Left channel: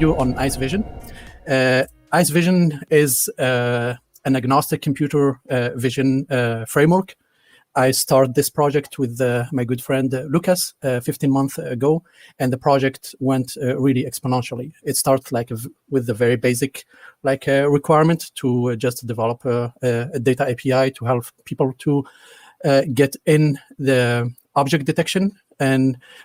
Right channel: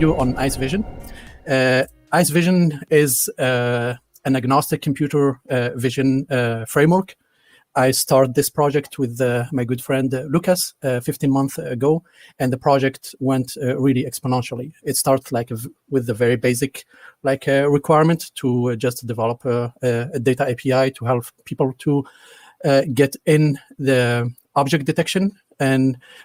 you on IceVision. IceVision is an agnostic computer vision framework. I started this project with my good friend Lucas 15 months ago, and the project went really exponentially. It started like with the very basic requirements.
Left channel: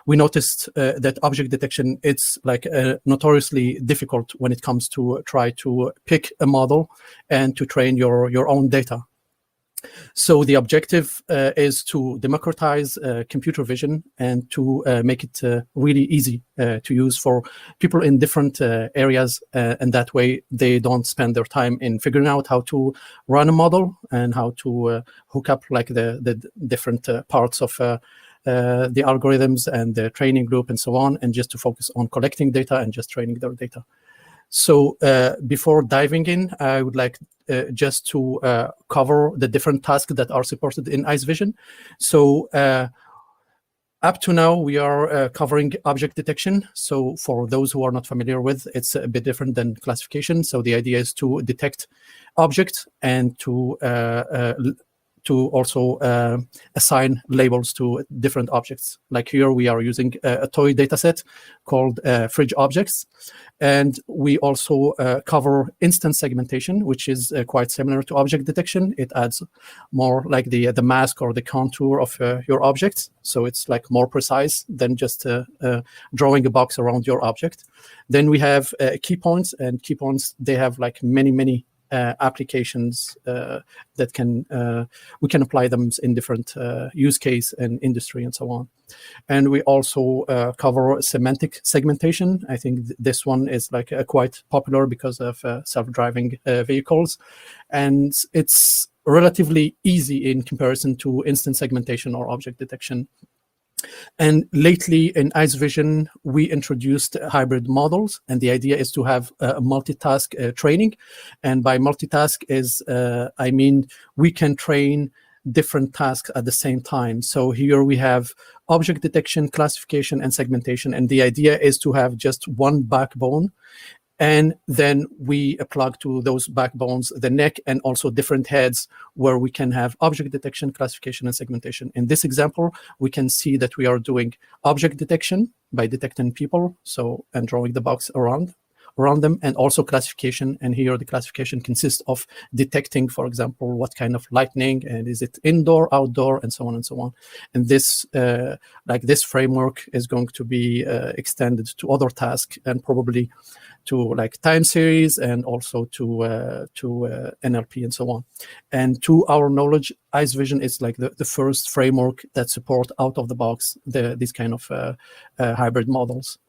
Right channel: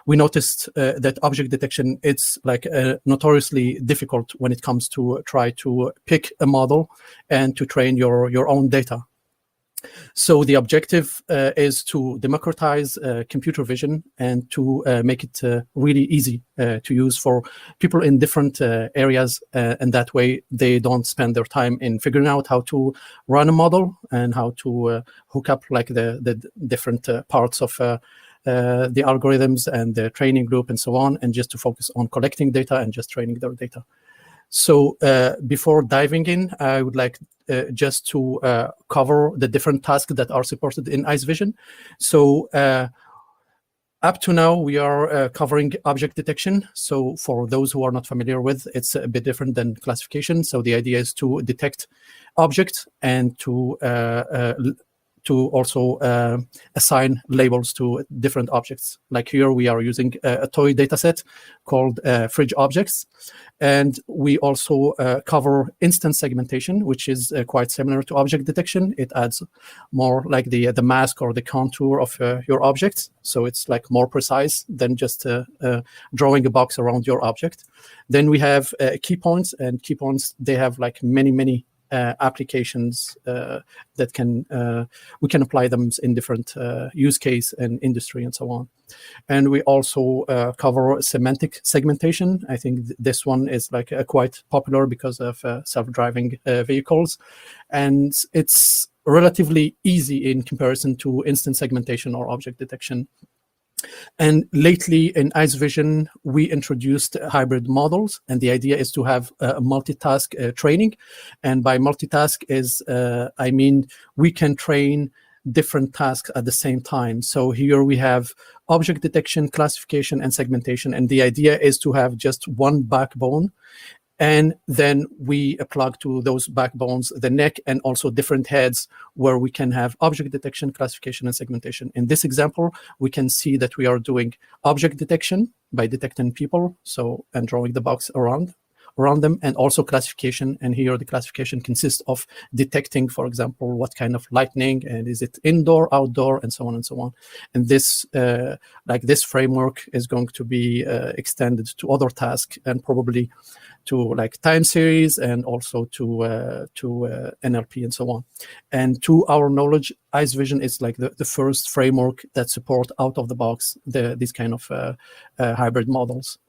We noticed that object detection, it's like notoriously difficult when it comes to try to pick a model and to train your own data. So the objective is to democratize computer vision and to make it really easy to use for people in different areas, and that way they don't spend their time in figuring out how to run a model and how to hook up like the different parts of the algorithms and the training group and so on, and just to focus on collecting data and just training their data. So before diving in, I would like just to cover the different tasks that are supported in IceVision. So up to now, we are covering object detection. So for those who are not familiar with, it's a bit different than classification. So the idea is to detect objects and to also assign labels to different objects. Like here, we are using a toy data set called fridge objects. And we also cover instance segmentation, which is quite similar to object detection. It adds more like the mask or the contour of your object. So it's like more precise than just drawing a box around your object. Then we have key points, and key points, they have like many applications that we can apply them in different use case and industry and so on. And we also cover semantic segmentation. I think this one is like quite popular because of self-driving vehicles, and it's relatively easy in comparison to instance segmentation or object detection. And lately in IceVision, we introduced hybrid models, and the idea is to have a multitask training. And by multitask is, I mean, we can train different tasks at the same time. So here we have object detection, classification, and segmentation. And the idea is to have just one backbone, and then we plug to those backbones the neck and also different heads where we can have object detection, classification, and segmentation. In this example, we can see that we are doing object detection by detecting people. So I'm drawing the box around them, and also classification. And here the classification consists of detecting, for example, what kind of lightning, and is it indoor, outdoor, and so on and so on. And this, this framework is going to be extended to other tasks, and probably to like time series, and also to NLP and so on. And to our knowledge, IceVision is like the first framework that support out of the box these kind of hybrid models.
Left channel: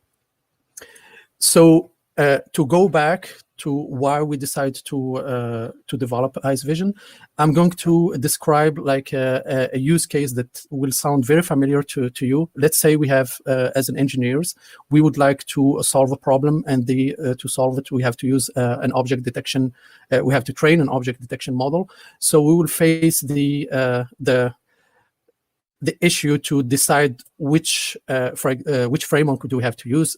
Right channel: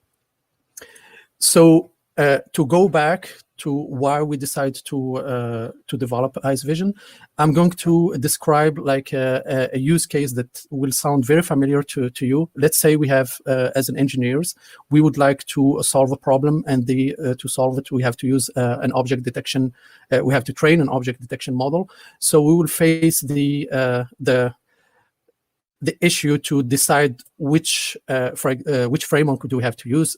So to go back to why we decided to develop IceVision, I'm going to describe like a use case that will sound very familiar to you. Let's say we have, as an engineers, we would like to solve a problem, and to solve it, we have to use an object detection. We have to train an object detection model. So we will face the issue to decide which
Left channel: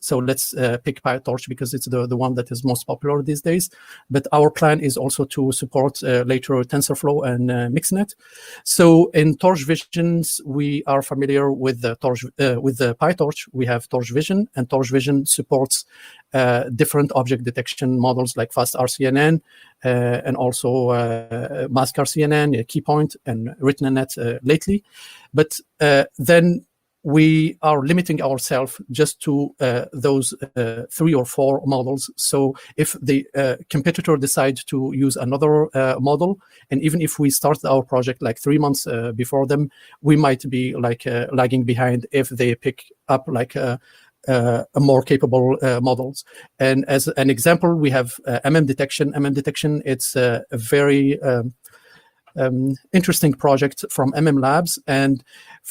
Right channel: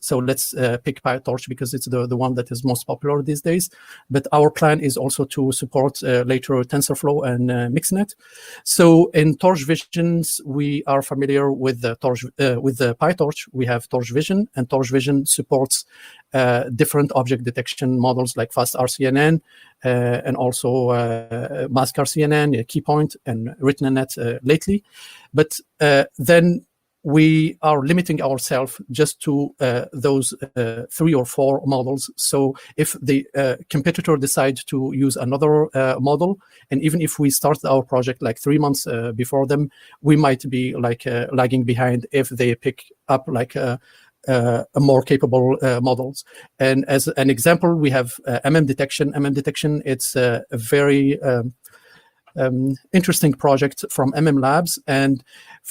so let's pick PyTorch because it's the one that is most popular these days. But our plan is also to support later TensorFlow and MixNet. So in Torch Visions, we are familiar with the PyTorch. We have Torch Vision, and Torch Vision supports different object detection models like faster-rcnn, and also mask-rcnn, keypoint, and RetinaNet lately. But then we are limiting ourselves just to those 3 or 4 models. So if the competitor decides to use another model, and even if we started our project like 3 months before them, we might be like lagging behind if they pick up like a more capable models. And as an example, we have MM detection. MM detection, it's a very interesting project from MM Labs, and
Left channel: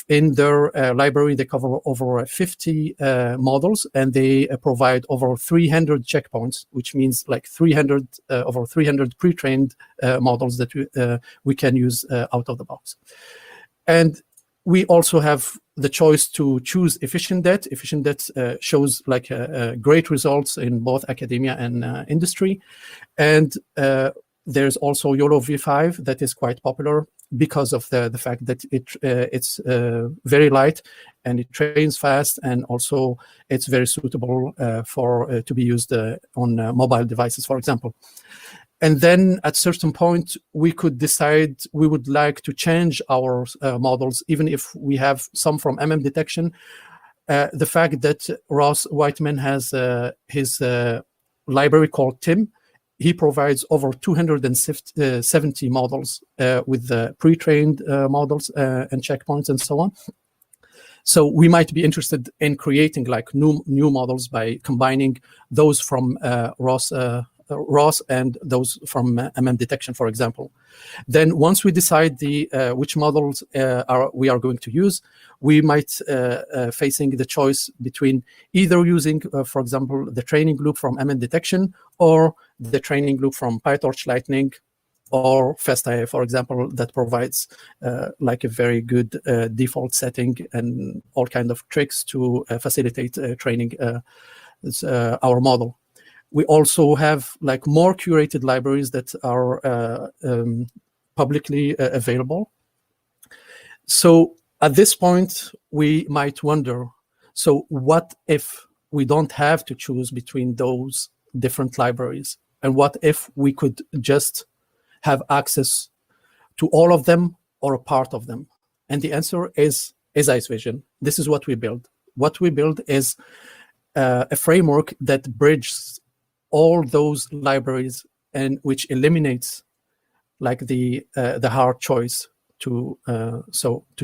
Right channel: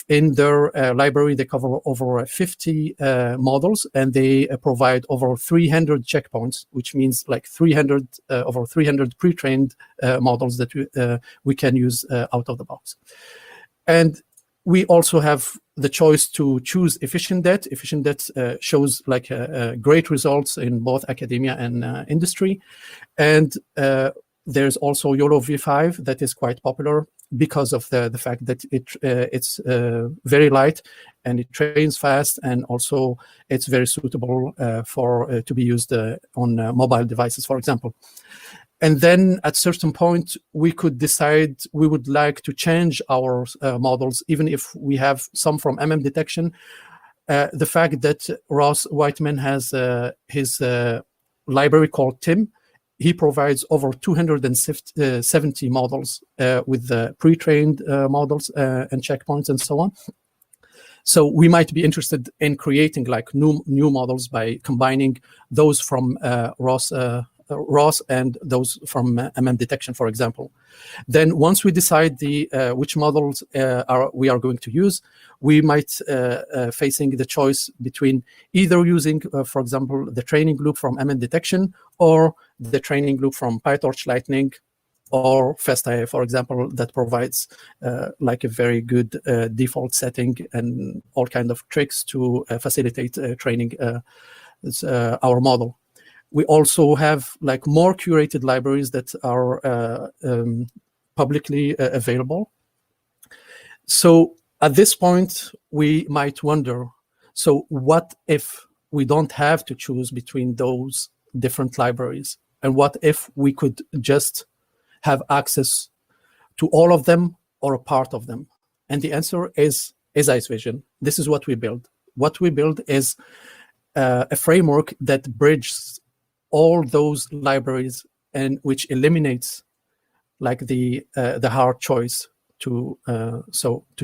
in their library they cover over 50 models, and they provide over 300 checkpoints, which means like over 300 pre-trained models that we can use out of the box. And we also have the choice to choose efficient det. Efficient det shows like great results in both academia and industry. And there's also YOLO V5 that is quite popular because of the fact that it's very light and it trains fast, and also it's very suitable for to be used on mobile devices, for example. And then at certain point, we could decide we would like to change our models, even if we have some from detection. The fact that Ross Whiteman has his library called TIM, he provides over 270 models with pre-trained models and checkpoints and so on. So we might be interested in creating like new models by combining those from Ross and those from detection, for example. Then once we decide which models we are going to use, we might facing the choice between either using, for example, the training loop from detection or the training loop from pytorch-lightning or faster, for example, that provides like a very good default setting and all kind of tricks to facilitate training our model. We also have like more curated libraries that are publicly available. So at this point, we might wonder, so what if we don't have to choose between those different libraries? And what if we could just have access to all of them or a part of them? And the answer is IceVision. This is what we build. What we build is a framework that bridges all those libraries and which eliminates like the hard choice to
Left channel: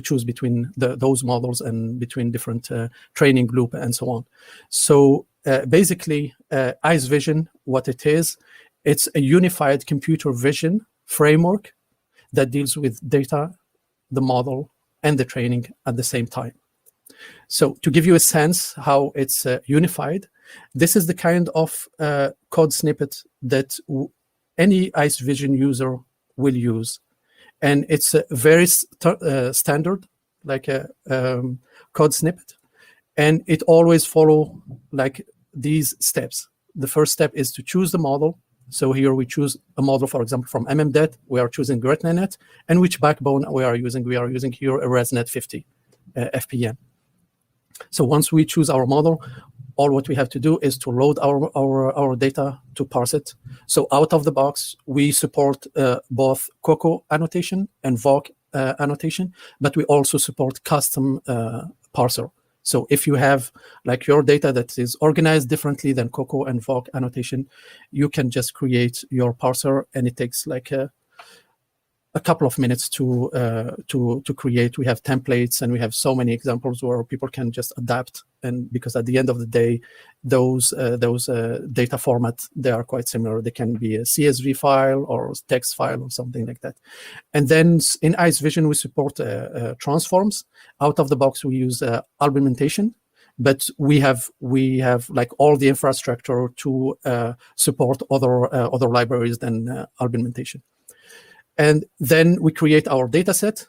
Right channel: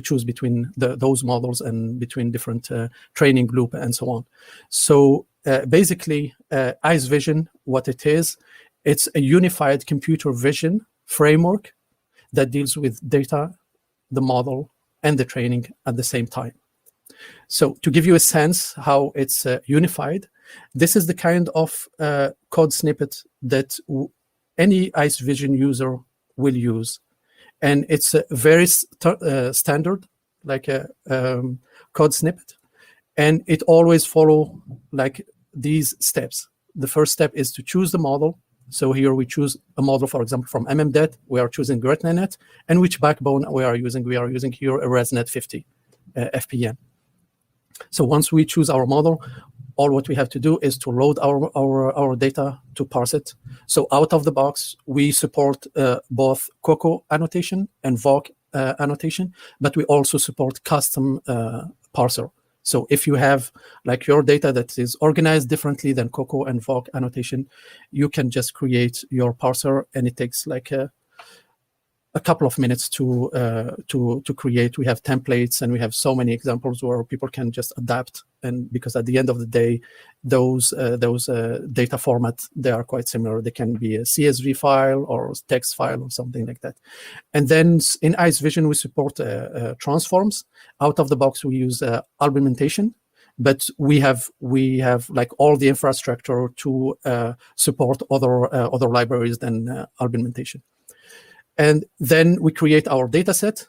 choose between those models and between different training loop and so on. So basically, IceVision, what it is, it's a unified computer vision framework that deals with data, the model, and the training at the same time. So to give you a sense how it's unified, this is the kind of code snippet that any IceVision user will use. And it's a very standard, like a code snippet. And it always follow like these steps. The first step is to choose the model. So here we choose a model, for example, from MMDet. We are choosing GretNet. And which backbone we are using? We are using here a ResNet 50 FPM. So once we choose our model, all what we have to do is to load our data to parse it. So out of the box, we support both Coco annotation and voc annotation, but we also support custom parser. So if you have like your data that is organized differently than Coco and voc annotation, you can just create your parser, and it takes like a couple of minutes to create. We have templates, and we have so many examples where people can just adapt. And because at the end of the day, those data formats, they are quite similar. They can be a CSV file or text file or something like that. And then in IceVision, we support transforms. Out of the box, we use argumentation, but we have like all the infrastructure to support other libraries than argumentation. And then we create our data set,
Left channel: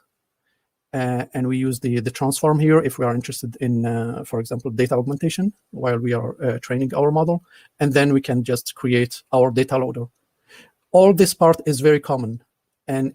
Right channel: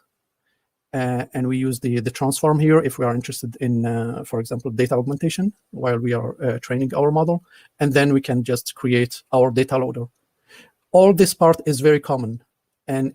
and we use the transform here if we are interested in, for example, data augmentation while we are training our model. And then we can just create our data loader. All this part is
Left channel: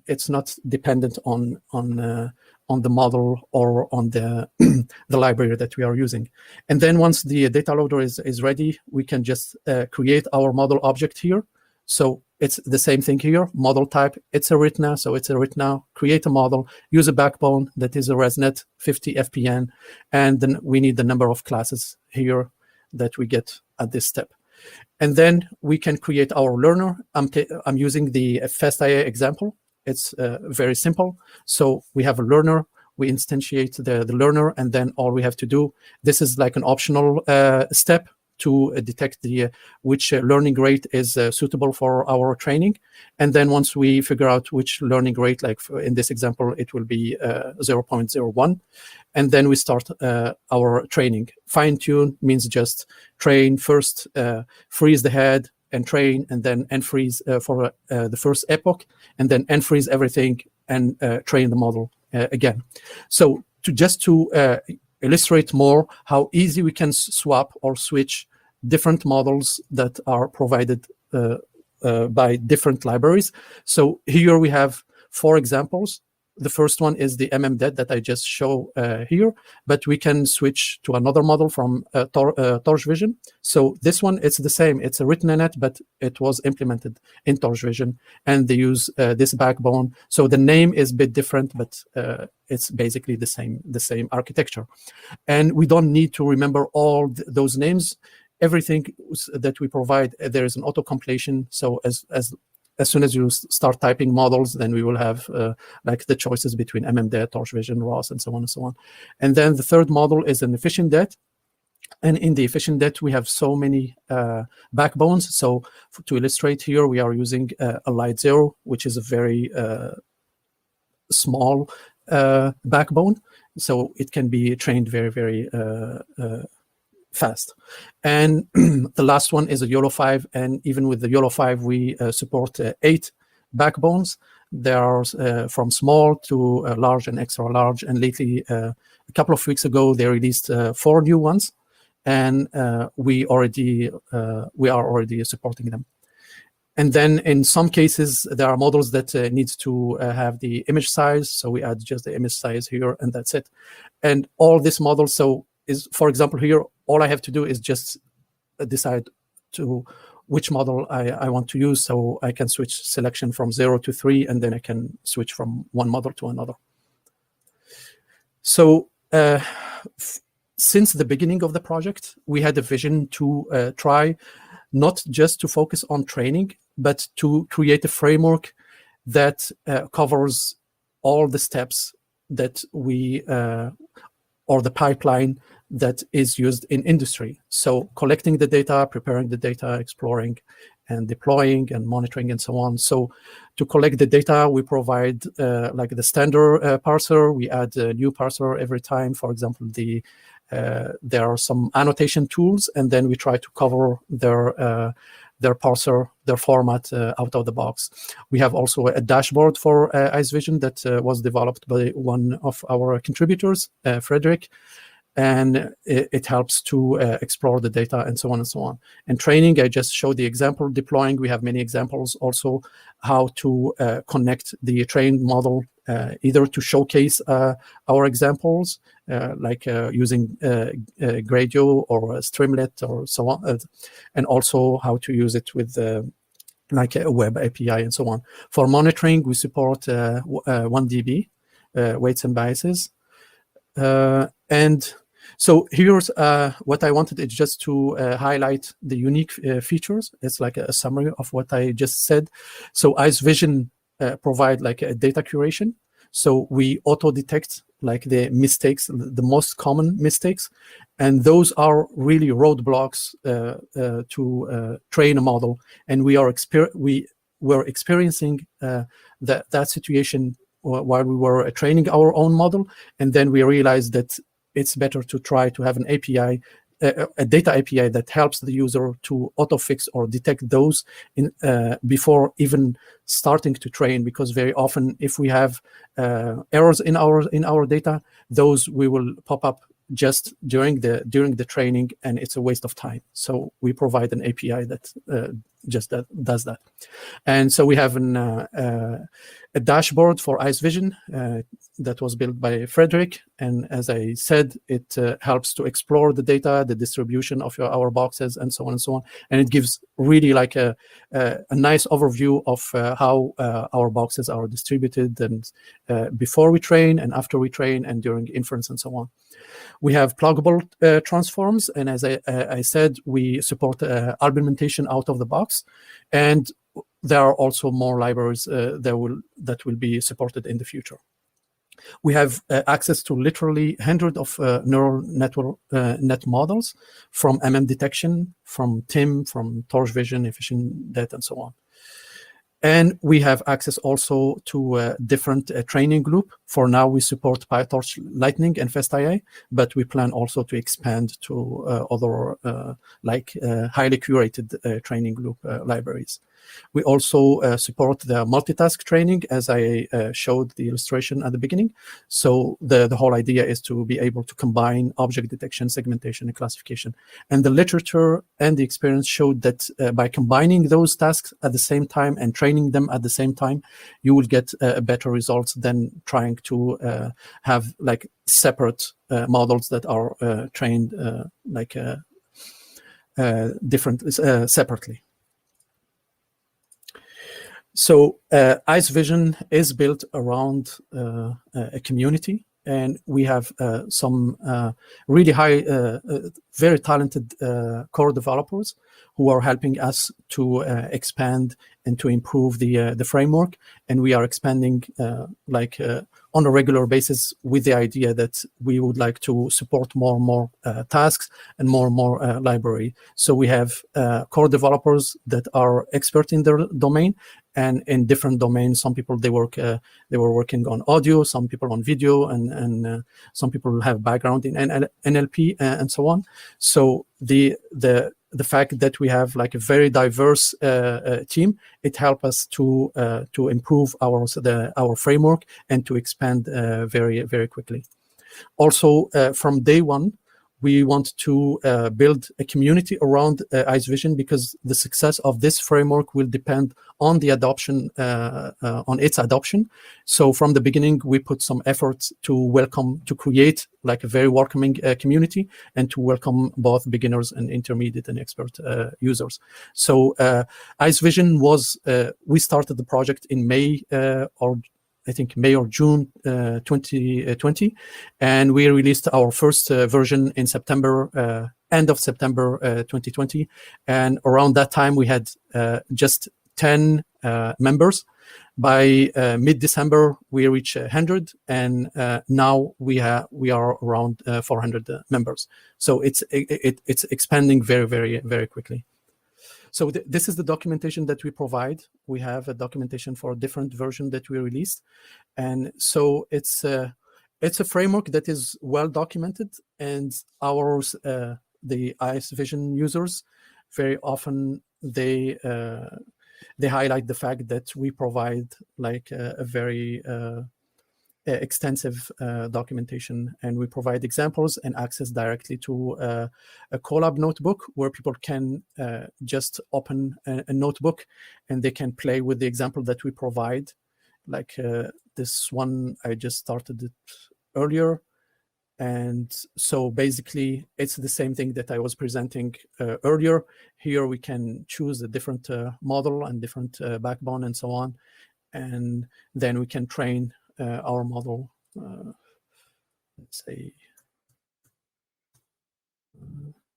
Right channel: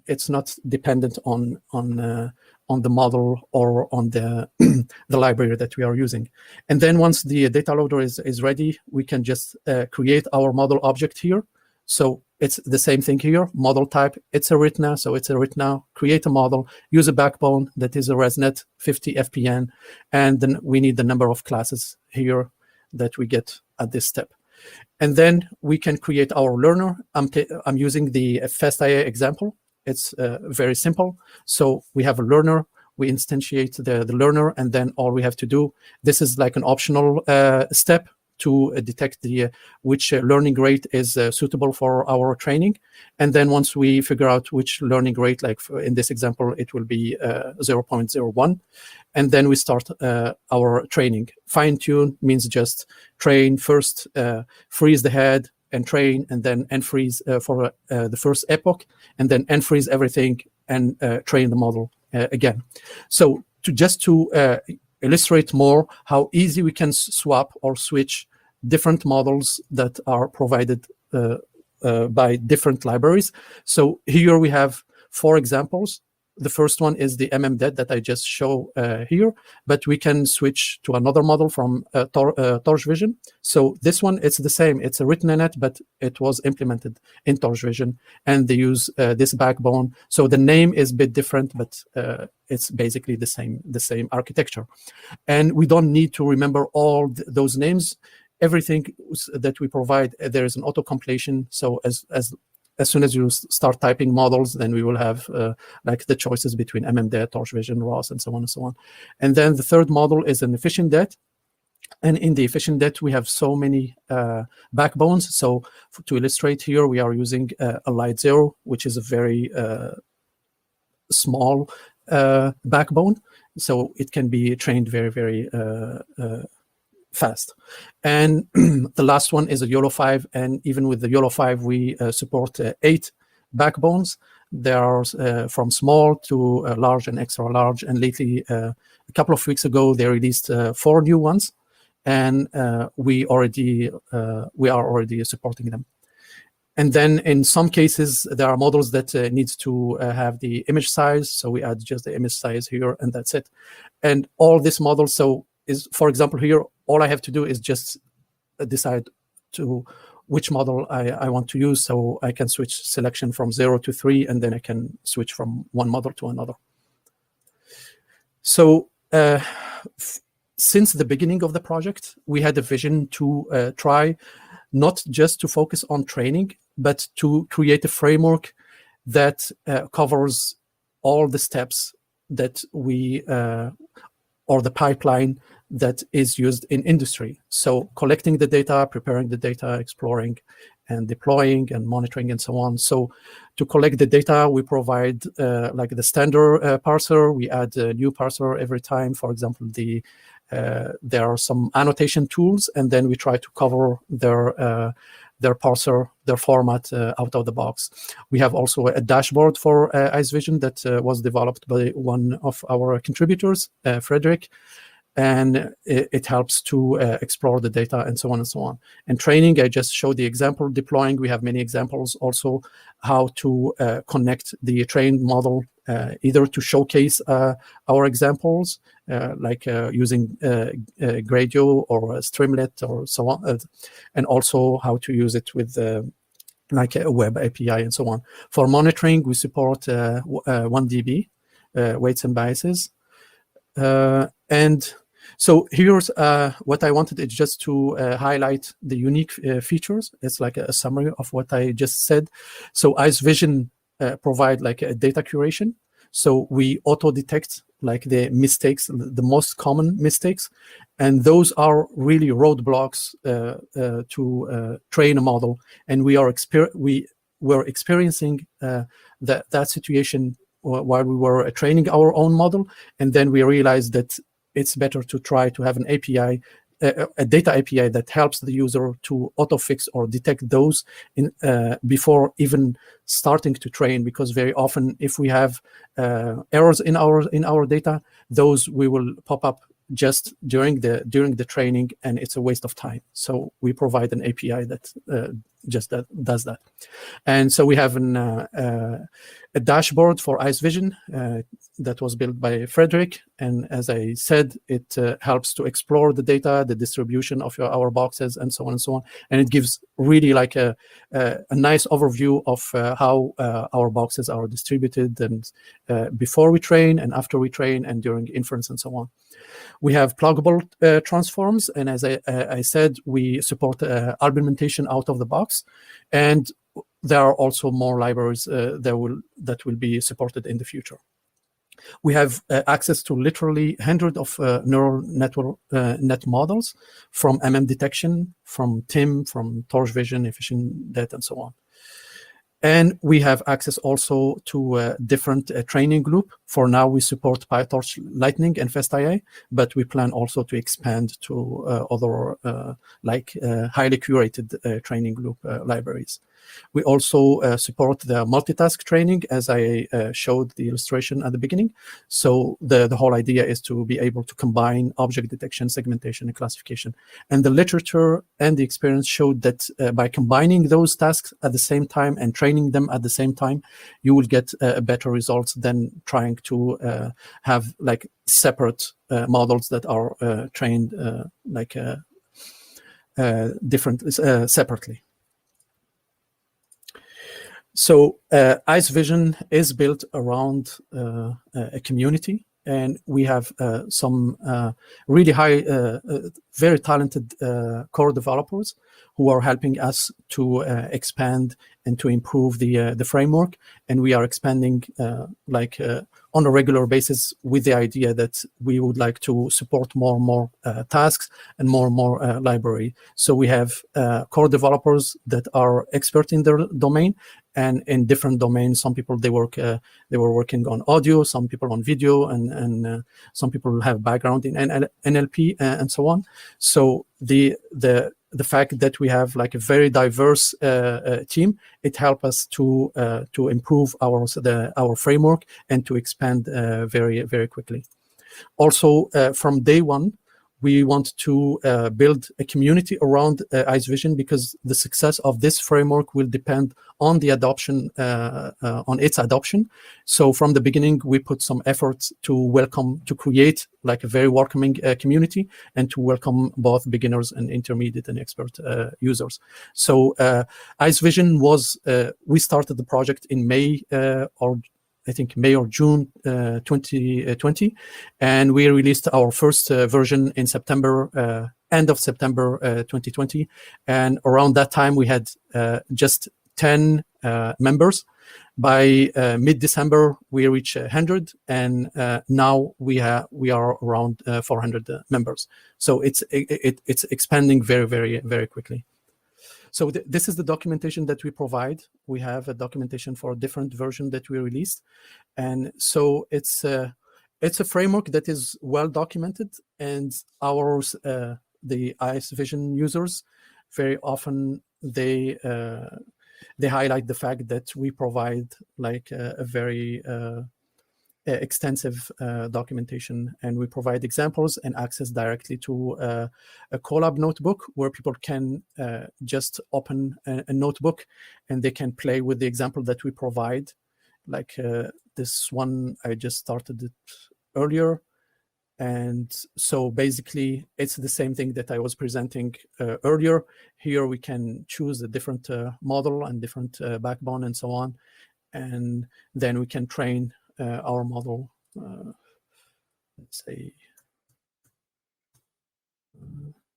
it's not dependent on the model or on the the library that we are using. And then once the data loader is ready, we can just create our model object here. So it's the same thing here, model type, it's a RITNA, so it's a RITNA, create a model, use a backbone that is a ResNet 50 FPN, and then we need the number of classes here that we get at this step. And then we can create our learner. I'm using the FSIA example. It's very simple. So we have a learner, we instantiate the learner, and then all we have to do, this is like an optional step to detect which learning rate is suitable for our training. And then once we figure out which learning rate, like in this example, it will be 0.01. And then we start our training. Fine tune means just train first epoch, and then unfreeze everything and train the model again. So to illustrate more how easy we can swap or switch different models that are provided by different libraries. So here we have 4 examples. The first one is the MMDET that I just show here, but we can switch to another model from TorchVision. So this one, it's the same. It's a written-in-it, but it was implemented in TorchVision, and they use this backbone. So the name is a bit different, but it's basically the same architecture. And we don't need to remember all those names. Everything that we provide, there is an auto-completion. So as soon as you start typing models, then we will have like the choices between MMDET, TorchVision, ROS, and so on and so on. And then the third model is an efficient DET. And in the efficient DET, we have so many backbones. So to illustrate here, we are using a light 0, which is a very small backbone. So it can be trained very, very fast. And the last one is a YOLO 5, and even with the YOLO 5 we support 8 backbones. They are from small to large and extra large, and lately a couple of weeks ago they released 4 new ones, and we are already supporting them. And then in some cases there are models that need to have the image size, so we add just the image size here, and that's it. And all these models, so is, for example, here, all I have to do is just decide to which model I want to use. So I can switch selection from 0 to 3, and then I can switch from one model to another. So since the beginning of the project, we had a vision to try not just to focus on training, but to create a framework that covers all the steps that we, or the pipeline that is used in industry. So collecting the data, preparing the data, exploring and deploying and monitoring and so on. So to collect the data, we provide like the standard parser. We add a new parser every time. For example, there are some annotation tools, and then we try to cover their parser, their format out of the box. We have also a dashboard for IceVision that was developed by one of our contributors, Frederick. And it helps to explore the data, and so on and so on. And training, I just showed the example. Deploying, we have many examples also how to connect the trained model, either to showcase our examples, like using Gradio or Streamlit or so on, and also how to use it with like a web API and so on. For monitoring, we support 1DB, weights and biases. And so here's what I wanted is just to highlight the unique features. It's like a summary of what I just said. So IceVision provide like a data curation. So we auto-detect like the mistakes, the most common mistakes. And those are really roadblocks to train a model. And we were experiencing that situation while we were training our own model, and then we realized that it's better to try to have an API, a data API that helps the user to auto-fix or detect those before even starting to train, because very often if we have errors in our data, those will pop up just during the training, and it's a waste of time. So we provide an API that just does that. And so we have a dashboard for IceVision that was built by Frederick. And as I said, it helps to explore the data, the distribution of our boxes, and so on and so on. And it gives really like a nice overview of how our boxes are distributed, and before we train and after we train and during inference and so on. We have pluggable transforms, and as I said, we support argumentation out of the box, and there are also more libraries that will be supported in the future. We have access to literally hundreds of neural net models, from MM detection, from TIM, from TorchVision, efficient DET, and so on. And we have access also to different training group. For now, we support pytorch-lightning and FastIA, but we plan also to expand to other highly curated training group libraries. We also support the multitask training, as I showed the illustration at the beginning. So the whole idea is to be able to combine object detection, segmentation, and classification. And the literature and the experience showed that by combining those tasks at the same time and training them at the same time, you will get better results than trying to have like separate models that are trained different separately. So IceVision is built around a community, and we have some really high, very talented core developers who are helping us to expand and to improve the framework. And we are expanding on a regular basis with the idea that we would like to support more and more tasks and more library. So we have core developers that are expert in their domain, and in different domains. Some people they were working on audio, some people on video, and some people have background in NLP and so on. So the fact that we have like a very diverse team, it helps us to improve our framework and to expand very quickly. Also, from day one, we want to build a community around IceVision, because the success of this framework will depend on the adoption, on its adoption. So from the beginning, we put some efforts to create like a very welcoming community and to welcome both beginners and intermediate and expert users. So IceVision was, we started the project in May or June 2020, and we released our first version in September, end of September 2020. And around that time, we had just 10 members. By mid-December, we reached 100, and now we are around 400 members. So it's expanding very quickly. So this is the documentation that we provide. We have a documentation for a different version that we released, and so it's a framework that is well documented. And ours, the IceVision users, very often they highlight the fact that we provide like a very extensive documentation, and we provide examples and access directly to a Colab notebook where people can just open a notebook and they can play with the example that we provide. Like this one, I just started it earlier. And so basically, it's the same thing that I was presenting earlier. Here we can choose a different model and different backbone and so on. And then we can train our model. Let's say,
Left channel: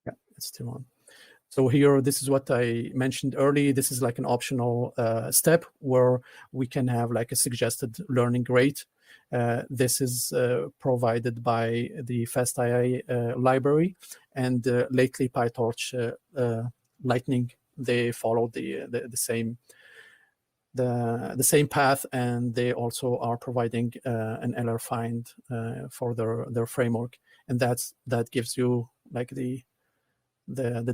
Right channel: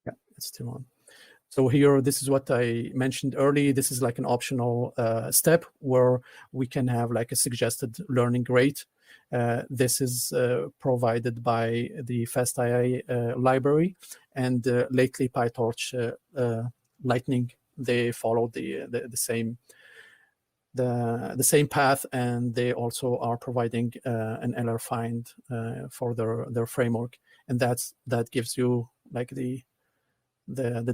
yeah, it's still on. So here, this is what I mentioned earlier. This is like an optional step where we can have like a suggested learning rate. This is provided by the FastAI library, and lately pytorch-lightning, they follow the same path, and they also are providing an LR find for their framework, and that gives you like the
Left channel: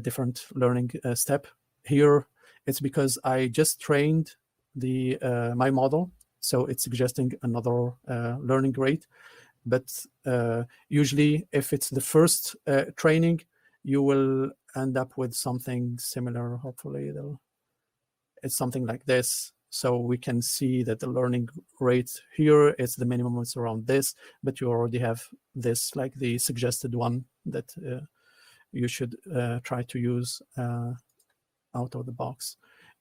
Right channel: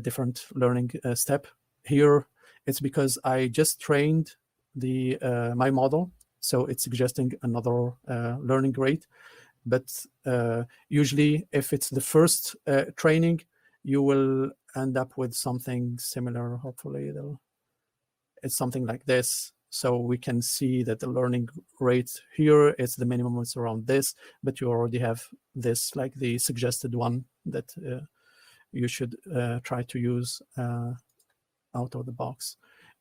different learning step. Here it's because I just trained my model, so it's suggesting another learning rate. But usually, if it's the first training, you will end up with something similar. Hopefully, it's something like this. So we can see that the learning rate here is the minimum is around this, but you already have this, like the suggested one that you should try to use out of the box.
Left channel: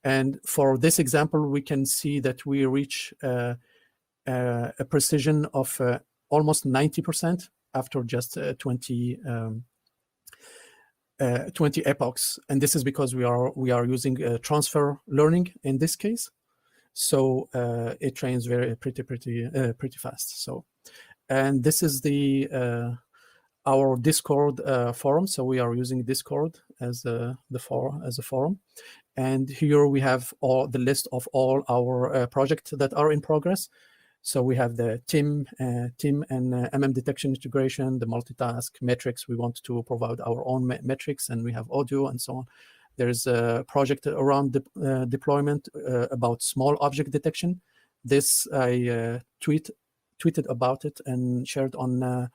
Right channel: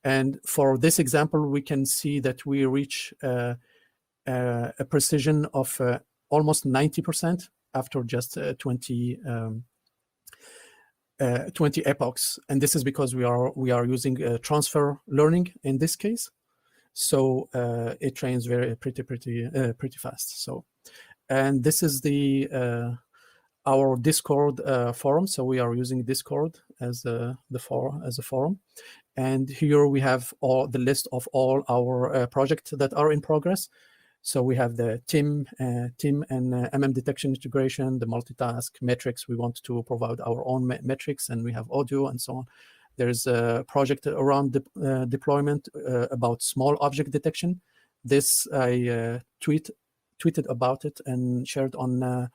And for this example, we can see that we reach a precision of almost 90% after just 20 epochs. And this is because we are using transfer learning in this case. So it trains pretty fast. So, and this is our Discord forum. So we are using Discord as a forum. And here we have all the list of all our projects that are in progress. So we have the TIM and MM detection integration, the multitask metrics. We want to provide our own metrics, and we have audio and so on. There's a project around deployment about small object detection. This I tweeted about it and shared on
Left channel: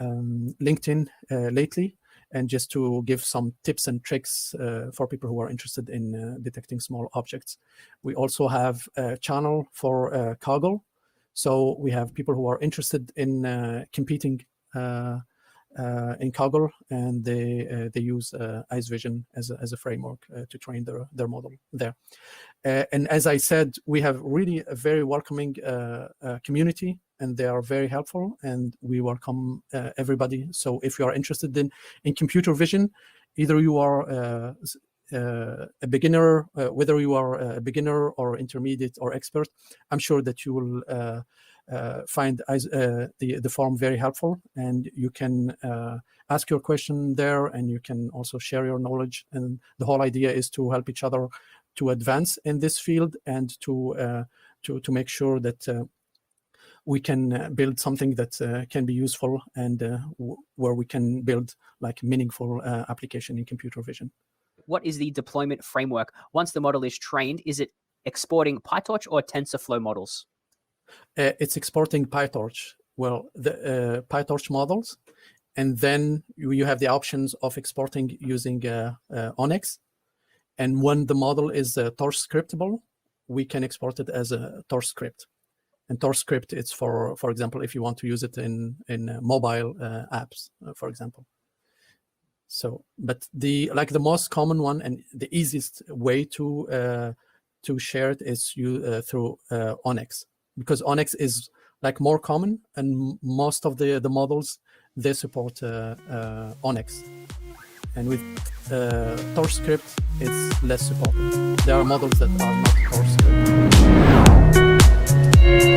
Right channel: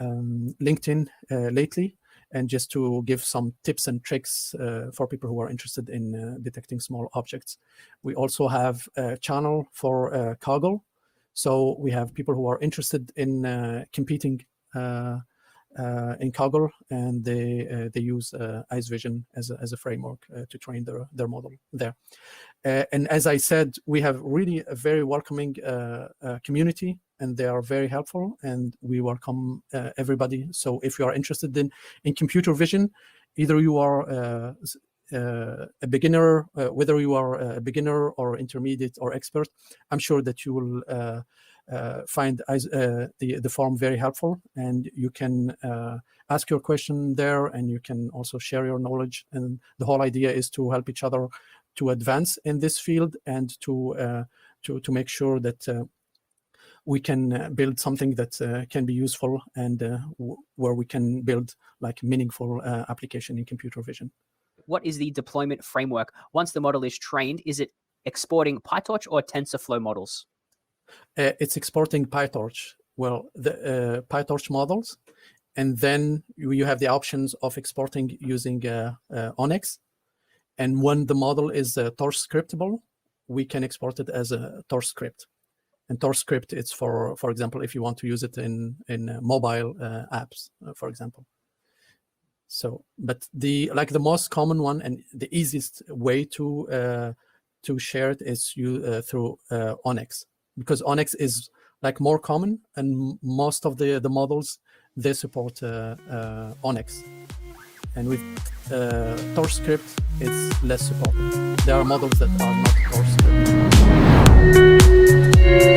LinkedIn lately, and just to give some tips and tricks for people who are interested in detecting small objects. We also have a channel for Kaggle. So we have people who are interested in competing in Kaggle, and they use IceVision as a framework to train their model there. And as I said, we have really a very welcoming community, and they are very helpful, and we welcome everybody. So if you are interested in computer vision, either you are a beginner, whether you are a beginner or intermediate or expert, I'm sure that you will find the forum very helpful, and you can ask your question there, and you can also share your knowledge. And the whole idea is to help each other to advance in this field, and to make sure that we can build something that can be useful, and where we can build like meaningful application in computer vision. What is the deployment framework? Once the model is trained, is it exporting PyTorch or TensorFlow models? It's exporting PyTorch. Well, the PyTorch models, and then you have the options of exporting using Onyx. And when the model is torch scriptable, we can export it as a torch script. And torch script is for example, if you want to use it in mobile apps, for example. So, but the most common one and the easiest way to share it is through Onyx, because Onyx is like more common, and most of the models, they support Onyx. And with torch script, less supported. There are models that are not torch script.